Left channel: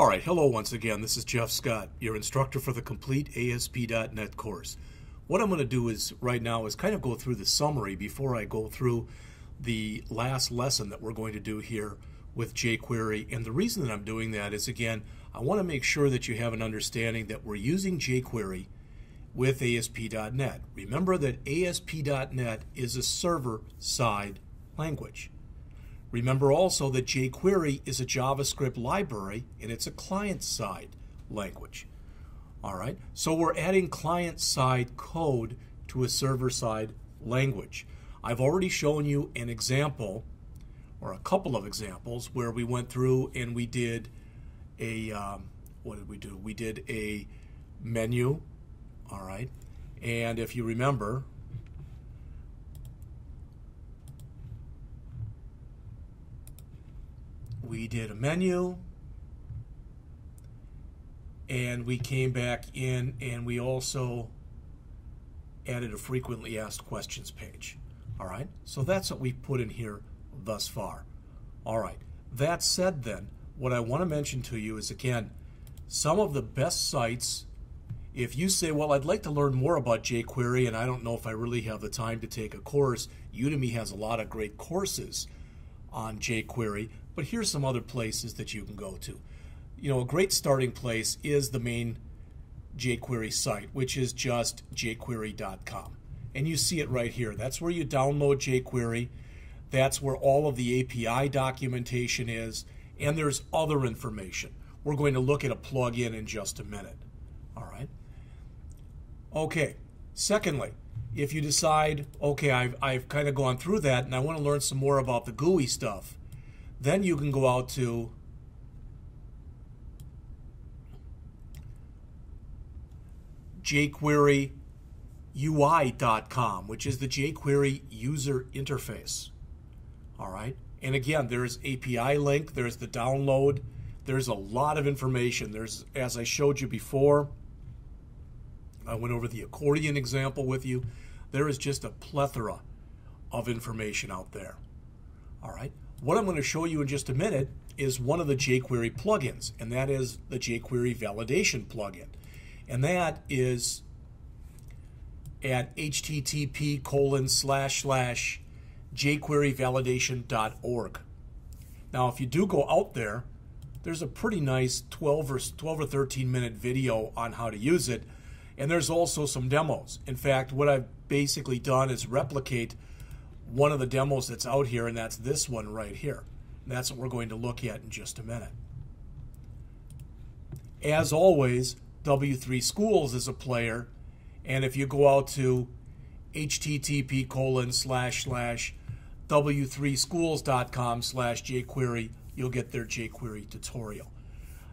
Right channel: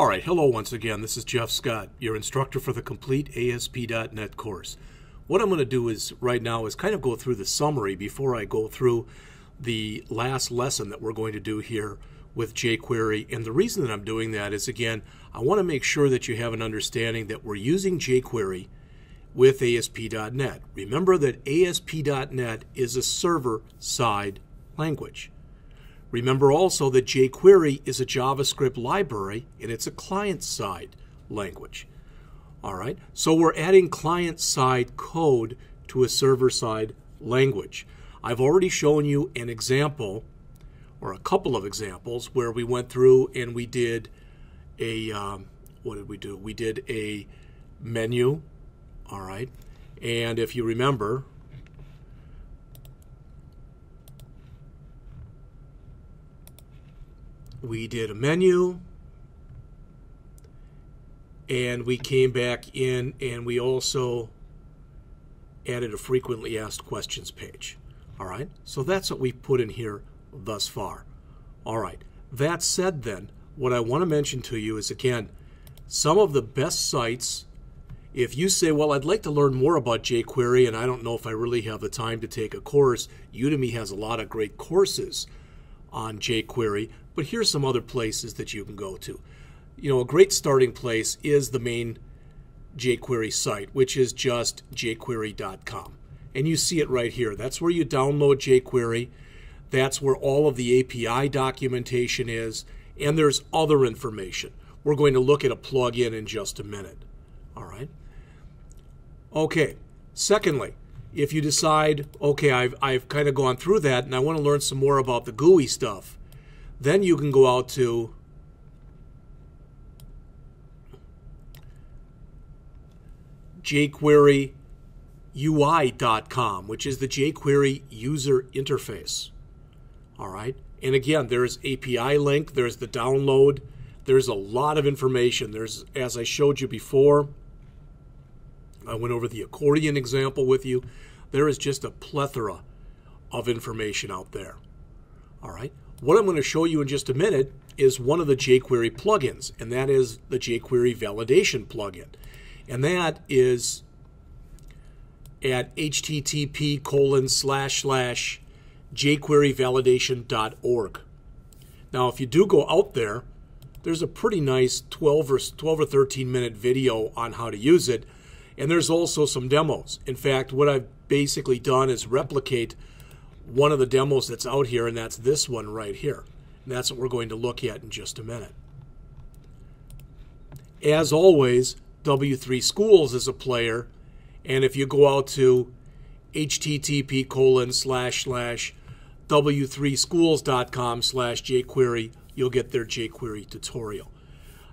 All right, hello once again. This is Jeff Scott, your instructor for the complete ASP.NET course. What I'm going to do is right now is kind of go through the summary before I go through the last lesson that we're going to do here with jQuery. And the reason that I'm doing that is, again, I want to make sure that you have an understanding that we're using jQuery with ASP.NET. Remember that ASP.NET is a server-side language. Remember also that jQuery is a JavaScript library and it's a client-side language. All right, so we're adding client-side code to a server-side language. I've already shown you an example or a couple of examples where we went through and we did a, what did we do? We did a menu, all right, and if you remember, we did a menu, and we came back in and we also added a frequently asked questions page. All right, so that's what we've put in here thus far. All right, that said then, what I want to mention to you is, again, some of the best sites, if you say, well, I'd like to learn more about jQuery and I don't know if I really have the time to take a course, Udemy has a lot of great courses on jQuery, but here's some other places that you can go to. You know, a great starting place is the main jQuery site, which is just jQuery.com. And you see it right here. That's where you download jQuery. That's where all of the API documentation is, and there's other information. We're going to look at a plugin in just a minute. All right. Okay. Secondly, if you decide, okay, I've kind of gone through that and I want to learn some more about the GUI stuff, then you can go out to jQueryUI.com, which is the jQuery user interface. All right. And again, there's API link, there's the download, there's a lot of information. There's, as I showed you before, I went over the accordion example with you. There is just a plethora of information out there. All right. What I'm going to show you in just a minute is one of the jQuery plugins, and that is the jQuery validation plugin. And that is at http://jQueryvalidation.org. Now, if you do go out there, there's a pretty nice 12 or 13 minute video on how to use it. And there's also some demos. In fact, what I've basically done is replicate one of the demos that's out here, and that's this one right here. And that's what we're going to look at in just a minute. As always, W3 Schools is a player, and if you go out to http://w3schools.com/jQuery, you'll get their jQuery tutorial.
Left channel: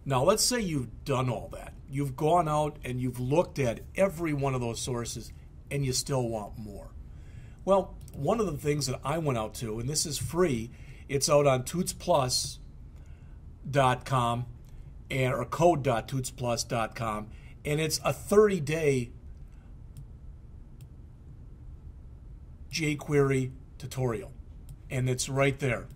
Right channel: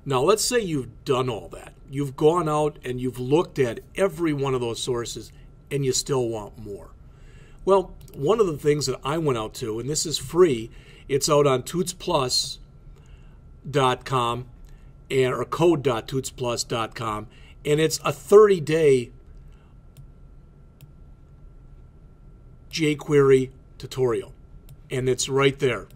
Now, let's say you've done all that. You've gone out and you've looked at every one of those sources, and you still want more. Well, one of the things that I went out to, and this is free, it's out on tutsplus.com or code.tutsplus.com, and it's a 30-day jQuery tutorial, and it's right there.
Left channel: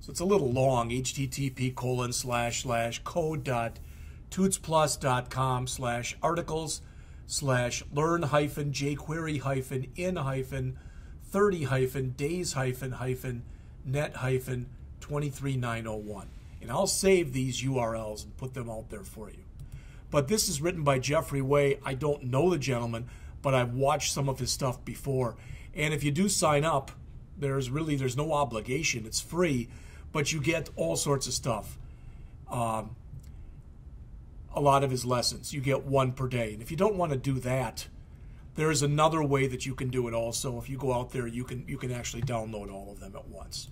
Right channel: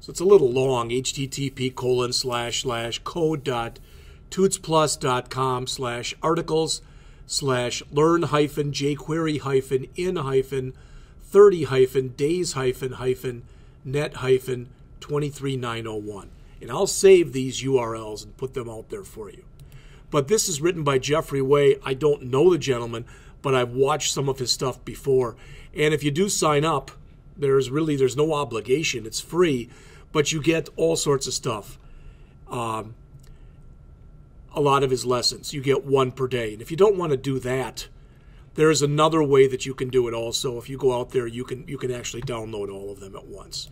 So it's a little long, http://code.tutsplus.com/articles/learn-jQuery-in-30-net-23901. And I'll save these URLs and put them out there for you. But this is written by Jeffrey Way. I don't know the gentleman, but I've watched some of his stuff before. And if you do sign up, there's no obligation. It's free, but you get all sorts of stuff. A lot of his lessons. You get one per day. And if you don't want to do that, there's another way that you can do it also. If you go out there, you can actually download all of them at once.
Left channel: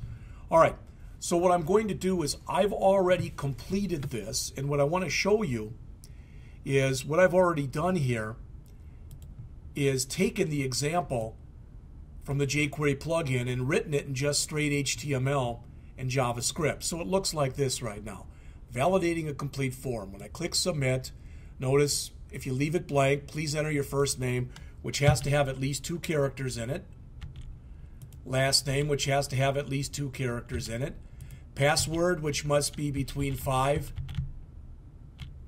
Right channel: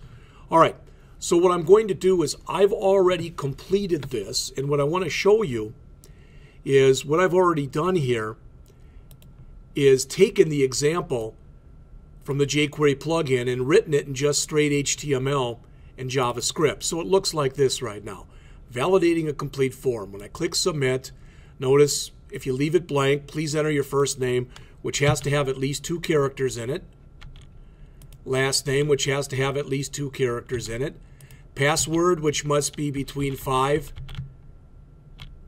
All right. So what I'm going to do is I've already completed this, and what I want to show you is what I've already done here is taken the example from the jQuery plugin and written it in just straight HTML and JavaScript. So it looks like this right now. Validating a complete form. When I click submit, notice if you leave it blank, please enter your first name, which has to have at least 2 characters in it. Last name, which has to have at least 2 characters in it. Password, which must be between 5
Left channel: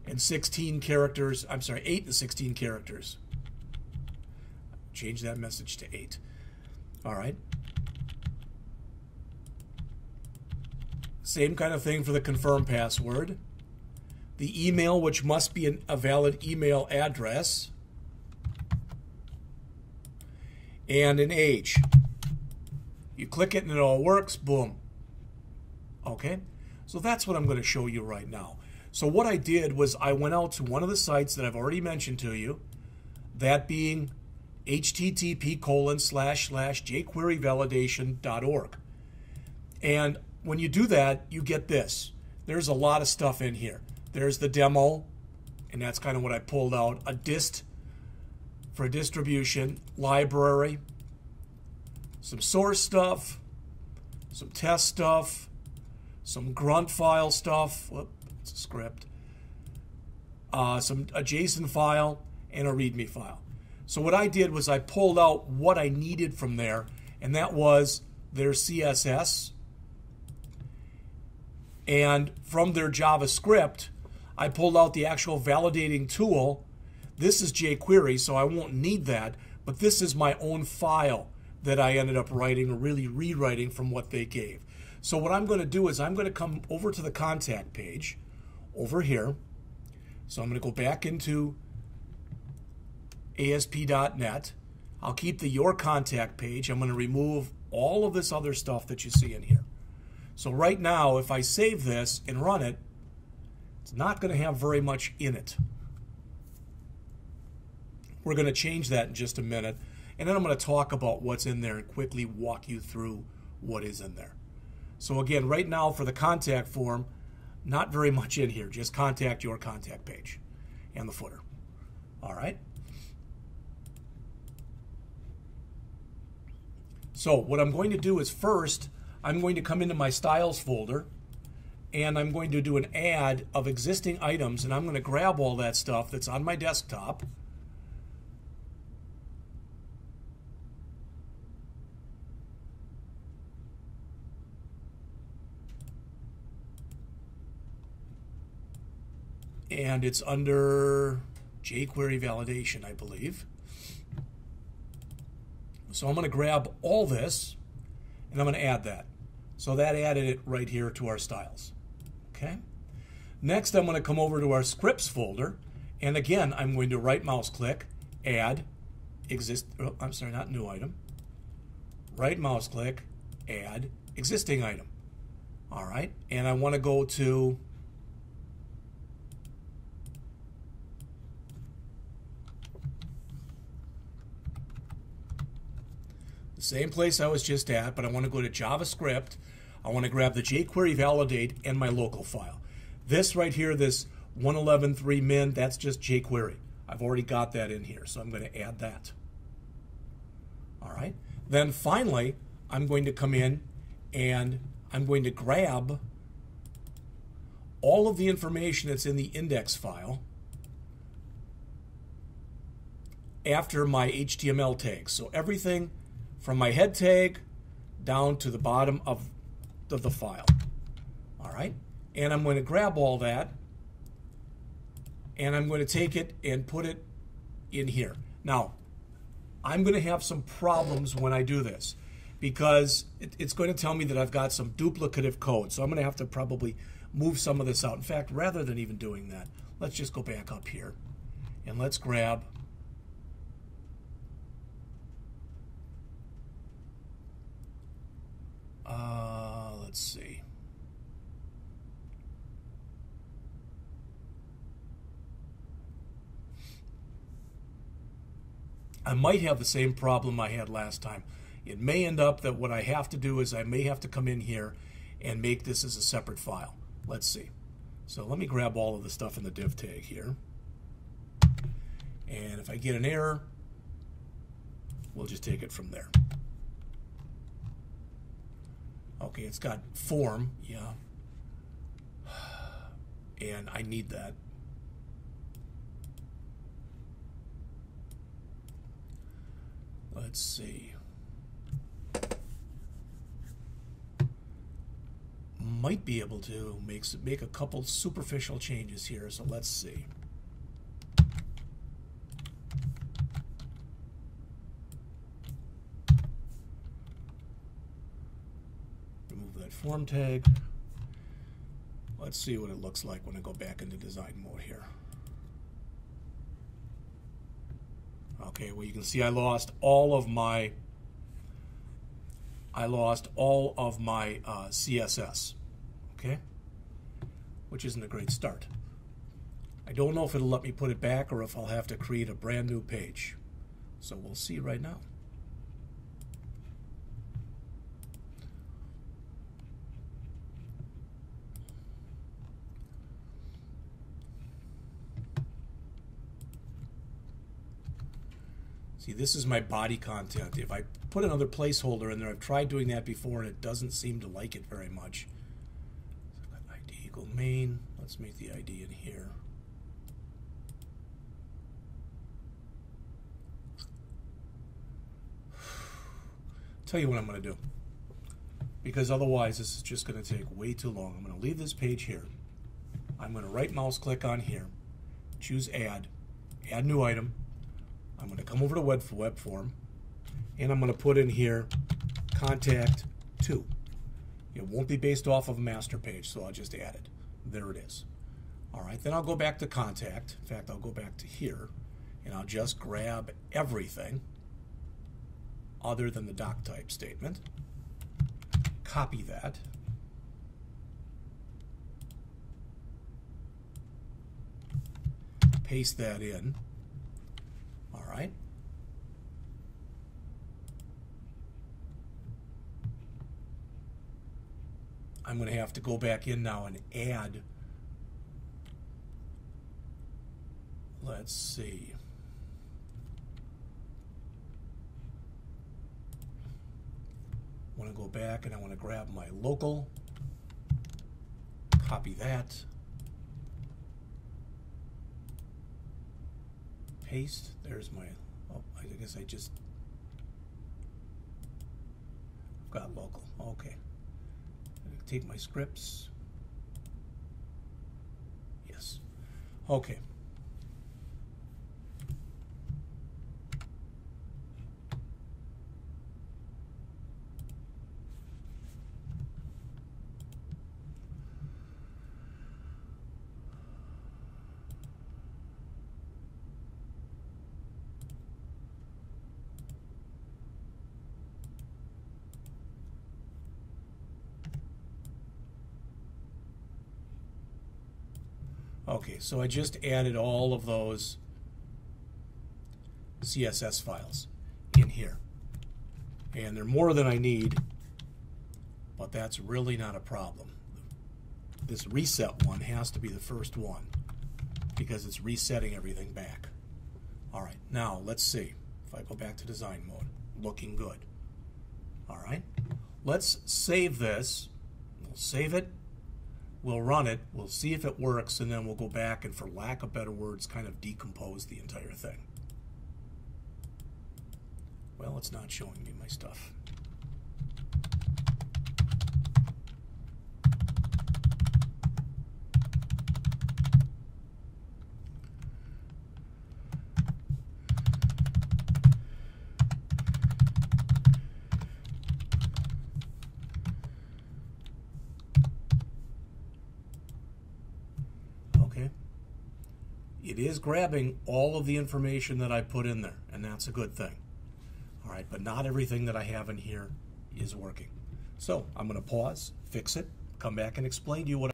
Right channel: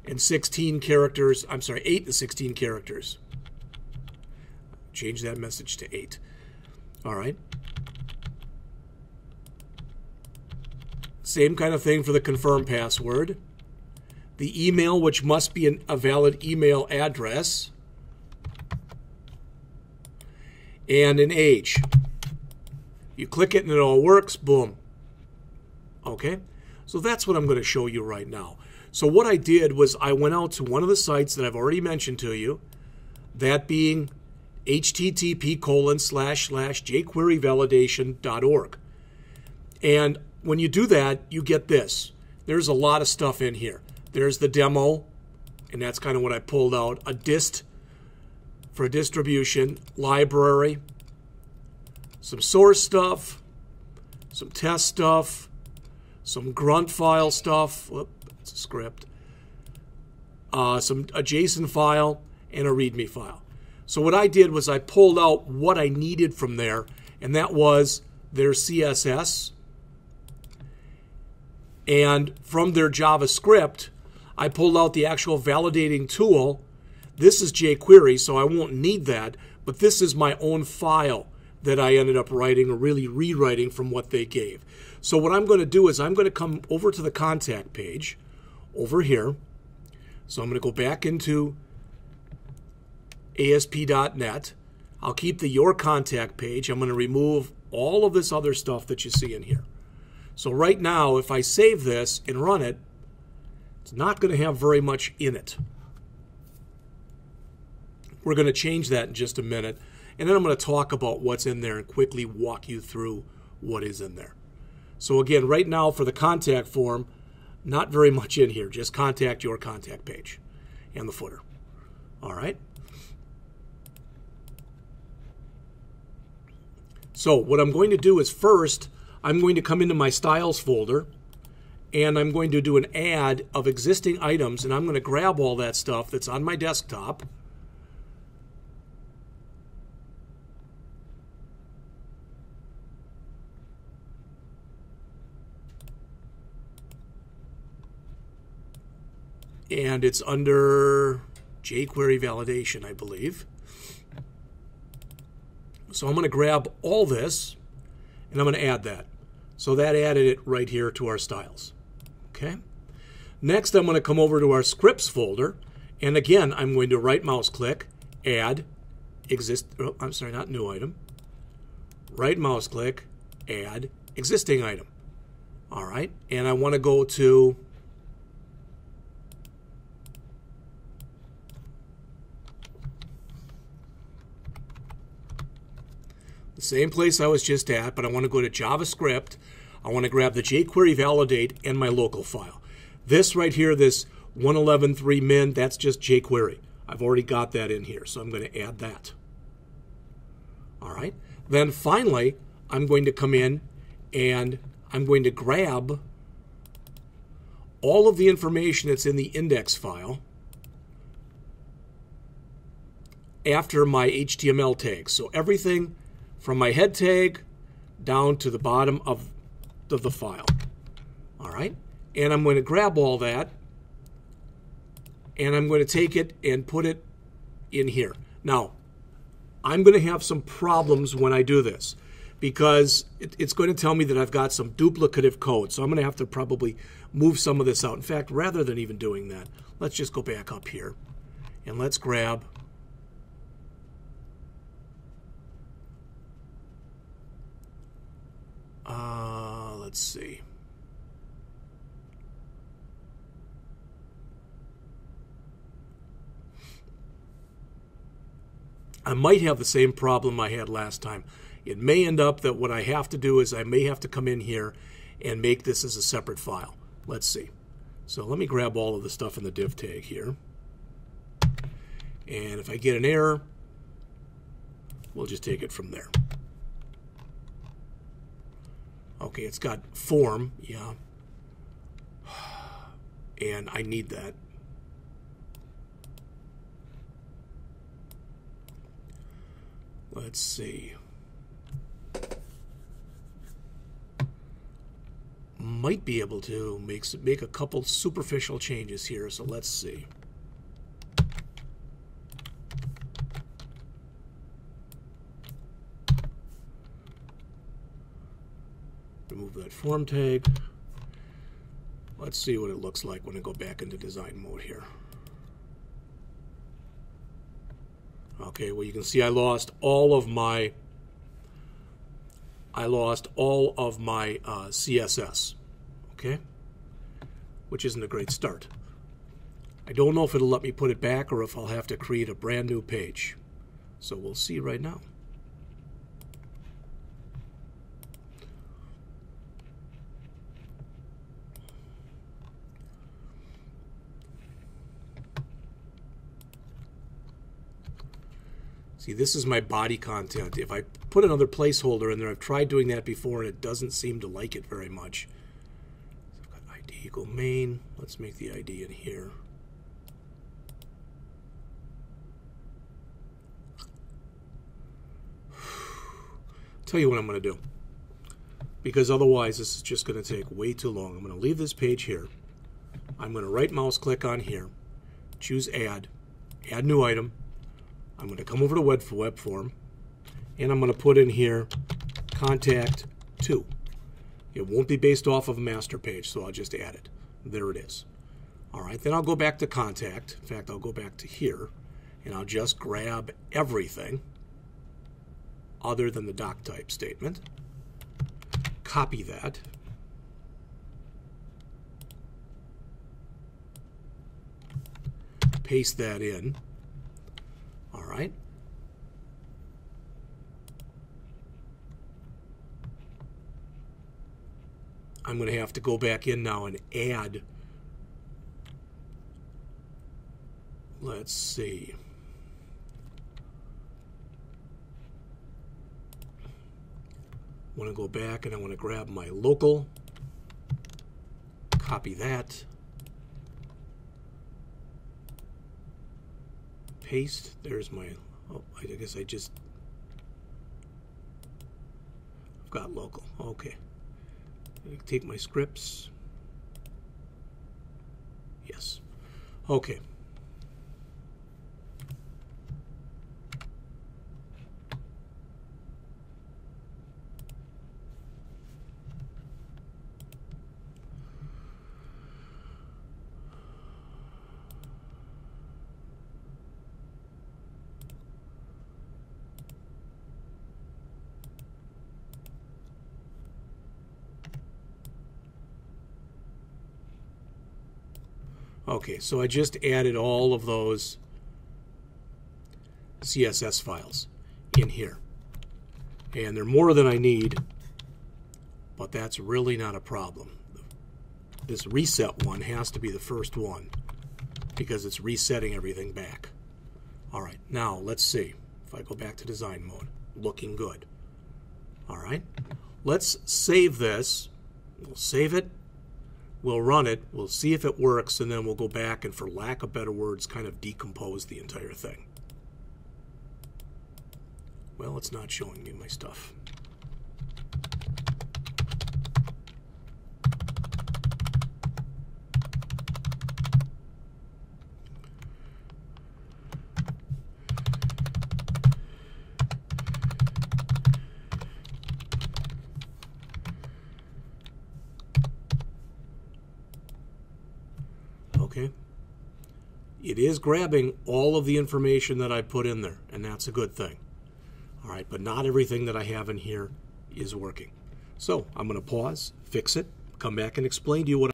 and 16 characters. I'm sorry, 8 and 16 characters. Change that message to 8. All right. Same kind of thing for the confirm password. The email, which must be a valid email address. And an age. You click it and it all works. Boom. Okay? So that's what I'm going to show you right now. So what I did was I went out to one of the sites that I've already mentioned to you, that being http://jQueryvalidation.org. And when you do that, you get this. There's a lot of stuff in here. There's the demo, and that's kind of what I pulled out. A dist for distribution, library, some source stuff, some test stuff, some grunt file stuff. Whoop, it's a script. A JSON file, and a README file. So what I did was I pulled out what I needed from there, and that was their CSS. And from their JavaScript, I pulled out the actual validating tool. This is jQuery, so I won't need that, but this is my own file that I ended up writing, or really rewriting from what they gave. So what I'm going to do is I'm going to come over to the contact page over here. So I'm going to go back into ASP.NET. I'll keep the Your Contact page. I'm going to remove all of this other stuff that you see in here. So right now, if I save this and run it, it's not going to have very much in it. We're going to change that in just a minute, and then I'm going to talk about what's in there and quickly walk you through what is in there. So again, right now for the contact form, not very much in here, just contact Your Contact page and the footer. All right. So what I'm going to do is first, I'm going to come into my styles folder, and I'm going to do an add of existing items, and I'm going to grab all that stuff that's on my desktop. And it's under jQuery validation, I believe. So I'm going to grab all this, and I'm going to add that. So that added it right here to our styles. Okay. Next, I'm going to come over to our scripts folder, and again, I'm going to right mouse click, add, not new item. Right mouse click, add, existing item. All right. And I want to go to the same place I was just at, but I want to go to JavaScript. I want to grab the jQuery validate and my local file. This right here, this 111.3 min, that's just jQuery. I've already got that in here, so I'm going to add that. All right. Then finally, I'm going to come in and I'm going to grab all of the information that's in the index file after my HTML tags. So everything from my head tag down to the bottom of the file. All right. And I'm going to grab all that, and I'm going to take it and put it in here. Now, I'm going to have some problems when I do this, because it's going to tell me that I've got some duplicative code. So I'm going to have to probably move some of this out. In fact, rather than even doing that, let's just go back up here, and let's grab let's see. I might have the same problem I had last time. It may end up that what I have to do is I may have to come in here and make this as a separate file. Let's see. So let me grab all of the stuff in the div tag here. And if I get an error, we'll just take it from there. Okay, it's got form, yeah. And I need that. Let's see. might be able to make a couple superficial changes here, so let's see. Remove that form tag. Let's see what it looks like when I go back into design mode here. Okay, well, you can see I lost all of my CSS, okay, which isn't a great start. I don't know if it'll let me put it back or if I'll have to create a brand new page. So we'll see right now. See, this is my body content. If I put another placeholder in there, I've tried doing that before and it doesn't seem to like it very much. So I've got ID equal main. Let's make the ID in here. Tell you what I'm going to do, because otherwise this is just going to take way too long. I'm going to leave this page here. I'm going to right mouse click on here, choose add new item. I'm going to come over to web form, and I'm going to put in here contact 2. It won't be based off of a master page, so I'll just add it. There it is. All right, then I'll go back to contact. In fact, I'll go back to here, and I'll just grab everything other than the doc type statement. Copy that. Paste that in. All right. I'm going to have to go back in now and add. Let's see. I want to go back and I want to grab my local, copy that, paste. There's my, oh, I guess I've got local. Okay. Take my scripts. Yes. Okay. Okay, so I just added all of those CSS files in here. And they're more than I need, but that's really not a problem. This reset one has to be the first one because it's resetting everything back. All right, now let's see. If I go back to design mode, looking good. All right, let's save this. We'll save it. We'll run it, we'll see if it works, and then we'll go back and, for lack of better words, kind of decompose the entire thing. Well, it's not showing me my stuff. Okay. It is grabbing all of the information that I put in there, and that's a good thing. All right, but not everything that I have in here is working. So I'm going to pause, fix it, come back and explain to you what